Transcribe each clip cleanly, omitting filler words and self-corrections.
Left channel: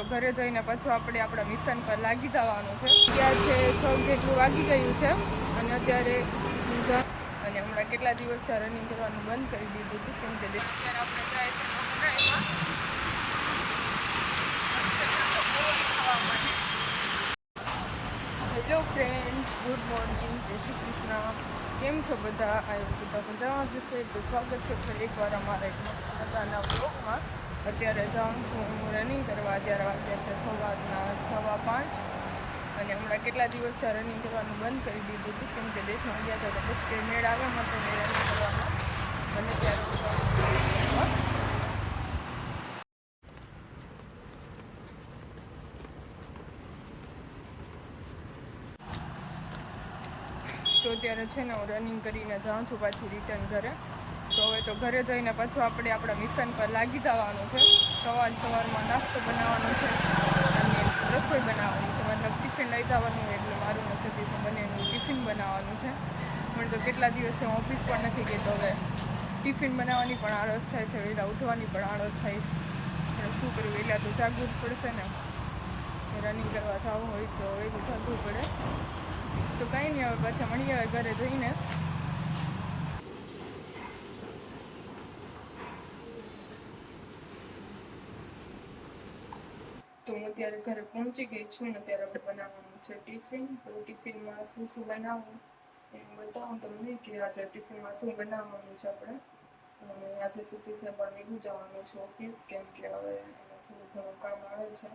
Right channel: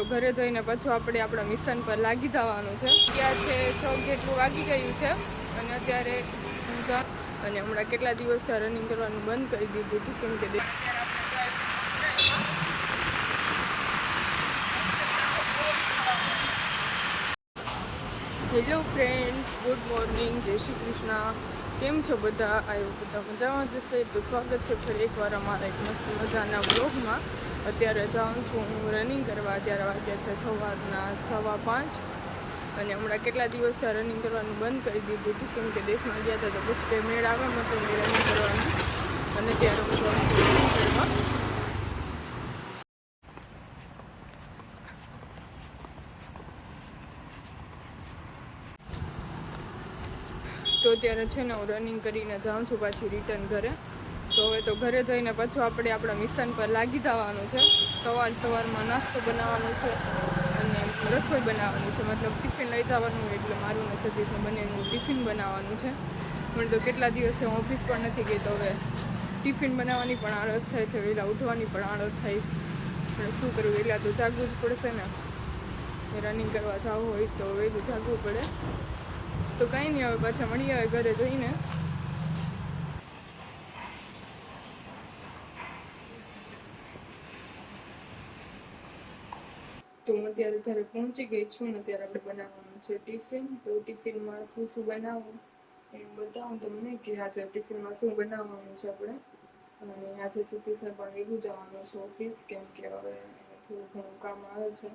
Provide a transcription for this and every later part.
તો ઘરે જઈને પાછું આપણે આપણા મિશન પર લાગી જવાનું છે. ત્યાં છે 6 જેટલું વાગી ગયું છે અને અત્યારે અને હમણાં કેટલા દિવસથી રનિંગ કરવાનું બંધ કરી દીધું હતું કેમ કે અત્યારે આપણે જાય છે ડોક્ટરમાં ખાવા માટે. હેલો ફ્રેન્ડ્સ, ગુડ મોર્નિંગ, જય શ્રી કૃષ્ણ. કેમ છો બધા? આવ્યો બધા મજામાં જશે તો સ્વાગત છે ફરી એકવાર અમારા એક મસ્ત મજાના વ્લોગમાં. અત્યારે જાઉં છું હું રનિંગ કરવા. અત્યારે વાગ્યા છે સવારના 5:15 અને હમણાં કેટલા દિવસથી રનિંગ કરવાનું બંધ કરી દીધું હતું કેમ કે દેશમાં ગયા હતા તો પછી કંઈ મેળ આવે મતો નહીં રનિંગ કરવાનો. અને ત્યારે હું જાઉં છું રનિંગ કરવા. તો અત્યારે છે ને હું રનિંગ કરીને જાઉં છું પાછી રિટર્ન ઘરે. તો હવે તો ઘરે જઈને પાછું આપણે આપણા મિશન પર લાગી જવાનું છે. સવારમાં નાસ્તો બનાવવાનો છે અને રસોઈ બનાવવાની છે, મતલબ ટિફિન લઈ જવાનું હોય એટલે મારું ને સતીશનું બંનેનું ટિફિન બનાવવાનું છે. પણ તો કેટલા દિવસે હું ઓફિસ પણ નથી ગઈ તો હવે ટિફિન બનાવવાની પણ આળસ થાય છે, વહેલા ઉઠવાની પણ આળસ થાય છે. પણ શું કરવું, વહેલા તો જાગવું જ પડશે ને. રનિંગ કરવા જવું હોય તો વહેલું જાગવું પડે. તો કાંઈ નહીં, હવે પાછા મળીએ હવે ઘરે જઈને. તો હું અત્યારે ઘરે પહોંચી ગઈ છું ને અત્યારે આપણે બનાવવાનું છે ટિફિન. તો ટિફિનમાં શું શું બનાવવું એ બતાવું તમને કે આજે ટિફિનમાં શું બનાવવાનું છે આપણે. અને આજે સતીશને પણ વહેલું જવાનું છે ઓફિસ કેમ કે હવે એને થોડું ઘણું કામ આવે છે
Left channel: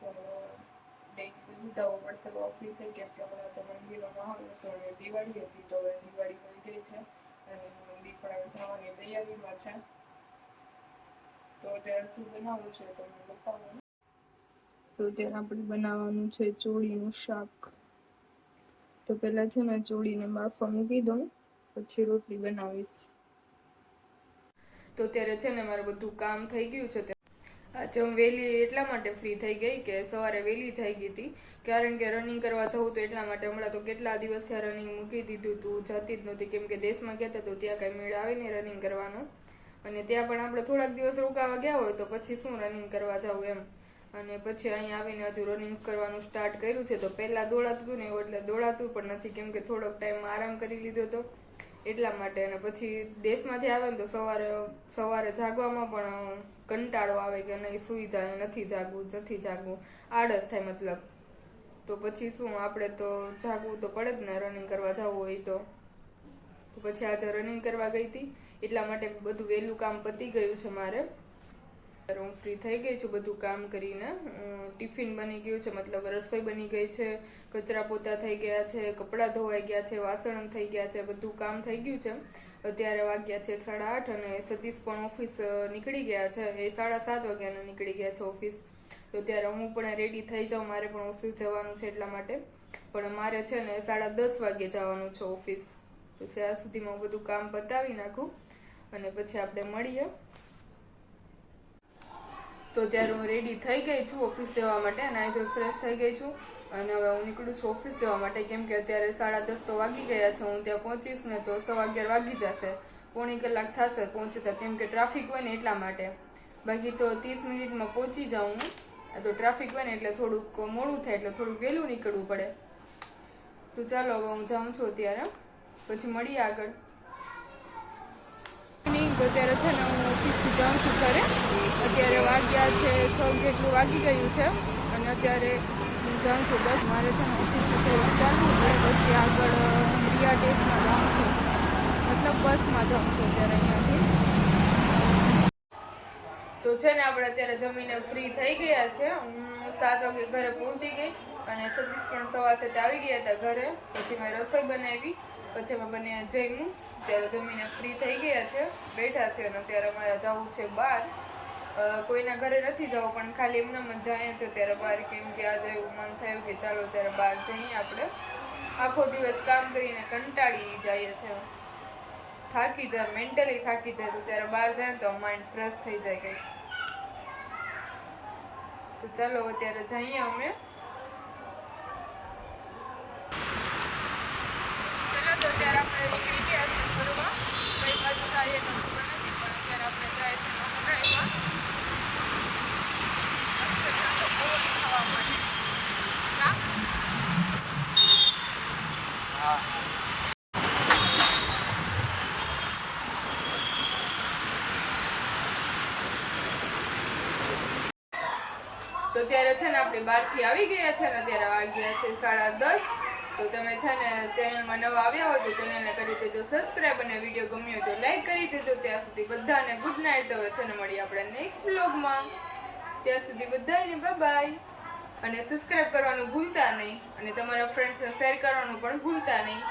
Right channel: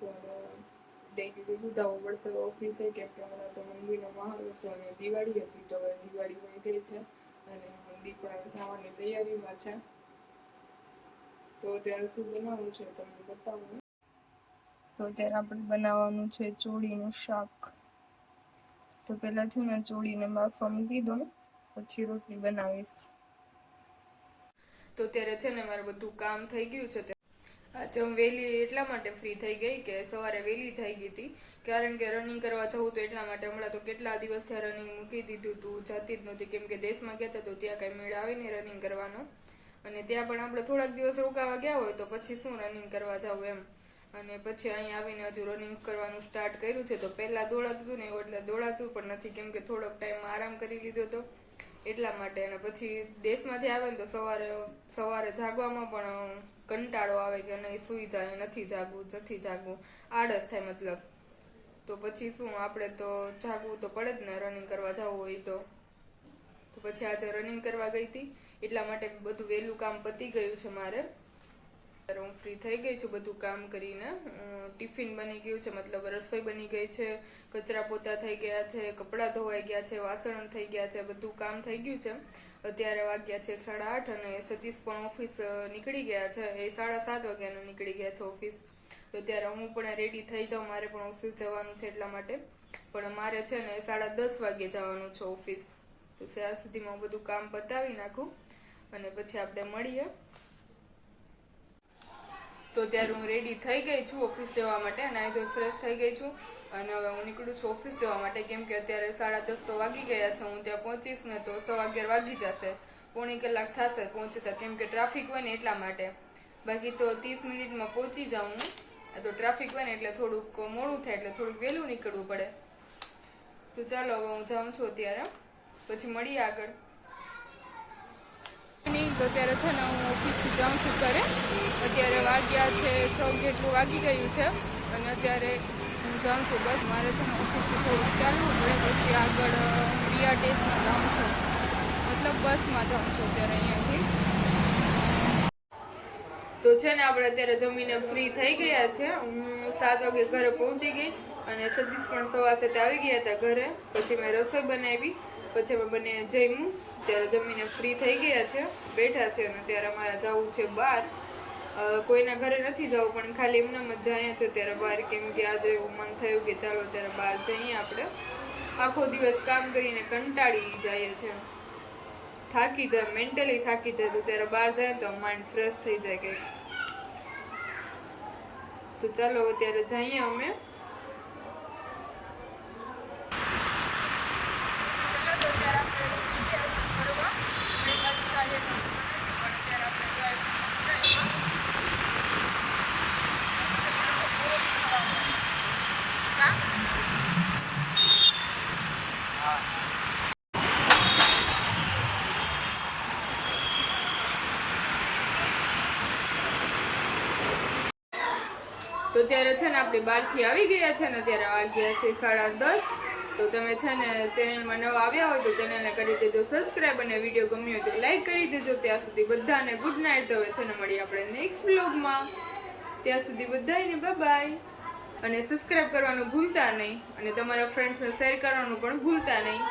તો ડેઈલી વહેલું જવું પડશે ઓફિસે કેમ કે હમણાં તો મંદિરનો માહોલ હતો અને દિવાળી હતી તો હવે દિવાળી વહી ગઈ છે અને મંદિર પણ હવે જવાની તૈયારીમાં છે. તો અત્યારે શું બનાવવું છે તમને બતાવું. તો અત્યારે આપણે બનાવવાનું છે ચોળીનું શાક. તો પહેલાં છે ને ચોળીને બાફવા મૂકી દઉં પછી રોટલી બનાવીશ. તો અત્યારે છે ને મારું બધું કામ થઈ ગયું છે. આજે હું વહેલી એટલા માટે ફ્રી થઈ ગઈ કે સવારે વહેલી જઈ ગઈ હતી કારણ કે રનિંગ કરવા જવું તો એટલા માટે. હમણાં તો કેટલા દિવસથી રનિંગ મૂકી દીધું હતું, જતી જ નહોતી કેમ કે દેશમાં ગયા હતા તો ત્યાં કાંઈ મેળ આવે નહીં રનિંગ કરવાનો. અને ત્યાં પણ આપણે થોડાક દિવસ રોકાવા ગયા હોય તો પછી શું રનિંગ કરવા જવું એમ. અને પછી અહીંયા આવીને હજુ રનિંગ કરવાનું સ્ટાર્ટ કર્યું છે. તો પહેલાં દોડાતું હતું ને એવું એટલે દોડાતું પણ નથી કેમ કે થોડોક ટાઈમ આરામ કરી લીધો હતો એટલા માટે. અને પછી દેશમાંથી આવે ને તો સવારે જાગવામાં પણ કંટાળો આવે કે નહીં સૂઈ જાય, નથી જાગવું, આળસ થાય મતલબ. તો પછી શું આપણે તો જાગવું તો પડે જ ને રનિંગ કરવા જવું હોય તો. પછી આજે રનિંગ કરવા ગઈ હતી એટલા માટે બધું વહેલું કામ પતી ગયું છે મારે. હું ફ્રી થઈ ગઈ છું બધું કામ કરીને. ટિફિન બની ગયું છે, મતલબ રસોઈ બની ગઈ છે, કચરા પોતા થઈ ગયા છે, કપડાં ધોવાઈ ગયા છે, વાસણ થઈ ગયા છે, બધું કામ થઈ ગયું છે. અત્યારે વાગ્યા છે 8:30 અને સતીશ પણ ઓફિસ નીકળી ગયા છે. એ 7:30 વાગ્યાના નીકળી ગયા છે ઓફિસ. તો ત્યારે હું પણ રેડી થઈ જાઉં, મારે પણ ઓફિસ જવાનું છે એટલા માટે. પણ મારે છે ને 10:30 વાગે જવાનું છે ઓફિસ. તો ત્યાં સુધીમાં હું બધું કામ પતાવી નાખું અને પછી આપણે મળીએ. તો ત્યારે હું રેડી થઈ ગઈ છું ઓફિસ જવા માટે અને અહીં તો ફ્રેશ થઈ ગઈ છું અને હવે હું નીકળું છું ઓફિસ જવા માટે કેમ કે અત્યારે 10:30 તો વાગી ગયા છે. હું ત્યાં પહોંચીશ ને તો 11:15 વાગી જશે, પોણી કલાક થશે પહોંચતા કેમ કે ટ્રાફિક હોય ને એટલા માટે. બાકી તો 30 મિનિટમાં પહોંચી જાઉં હું. તો ટ્રાફિક હોય ને એટલે થોડુંક મોડું થાય એટલે થોડુંક વહેલું નીકળવું પડે. તો ચાલો હવે હું જાઉં છું અત્યારે, પછી મળીએ આગળ. તો અત્યારે છે ને હું ઓફિસથી જાઉં છું ઘરે. અત્યારે વાગ્યા છે 6 જેટલું વાગી ગયું છે અને અત્યારે હું જાઉં છું બસ. મારે છે ને ઓફિસથી થોડુંક ચાલવું પડે પછી આગળ રિયા ટેસ્ટમાં જાઉં છું, મતલબ બસમાં જાઉં છું અત્યારે અહીંયાથી. તો છે ને આપણે અત્યારે જમીને ફ્રી થઈ ગયા છે. હું 7 વાગે ઘરે પહોંચી ગઈ અને સતીશ પણ 7:15 આવી ગયા હતા ઘરે. પછી મેં રસોઈ બનાવી, પછી અમે બંને જમ્યું. ત્યારે જમીને ફ્રી થઈ ગયા છે, બેઠા છે અને ત્યારે અમારે જવું છે બહાર. કોઈના ઘરે નથી જવું પણ ખાલી એમનેમ જ જાય છે ત્યારે બહાર કેમ કે આજે એવું મન થયું કે ચાલો ત્યારે બહાર જઈએ આપણે. આખો દિવસ કામ કરીને કંટાળી જાય છે, થાકી જાય, મેન્ટલી થાકી જાય. તો ત્યારે બહાર જાય તો માઇન્ડ ફ્રેશ થઈ જાય કંઈક. તો ચાલો અત્યારે જઈએ અમે. ચલો તો ત્યારે આપણે નીકળી ગયા છે ફરવા. કઈ બાજુ જઈએ તો ખબર નથી પણ અત્યારે આપણે જાય છે ડોક્ટરમાં. બહુ ખાવા મળે કા તો ત્યારે છે ને આપણે બહારથી આવી ગયા છે ને ત્યારે વાગ્યા છે 10:30. તો તમે છે ને ચેનલમાં નવા આવ્યા હોય તો ચેનલને કરી દેજો સબસ્ક્રાઈબ અને વિડીયો ગમ્યો હોય તો લાઈક કરી દેજો. ત્યાં સુધી બધાને ગુડ નાઇટ. તો હવે છે ને મળીએ આપણે નેક્સ્ટ વ્લોગમાં. ત્યાં સુધી બધાને બાય બાય. અને સબસ્ક્રાઈબ કરવાનું ભૂલતા નહીં અને તમારા ફ્રેન્ડ્સને શેર કરવાનું પણ ભૂલતા નહીં.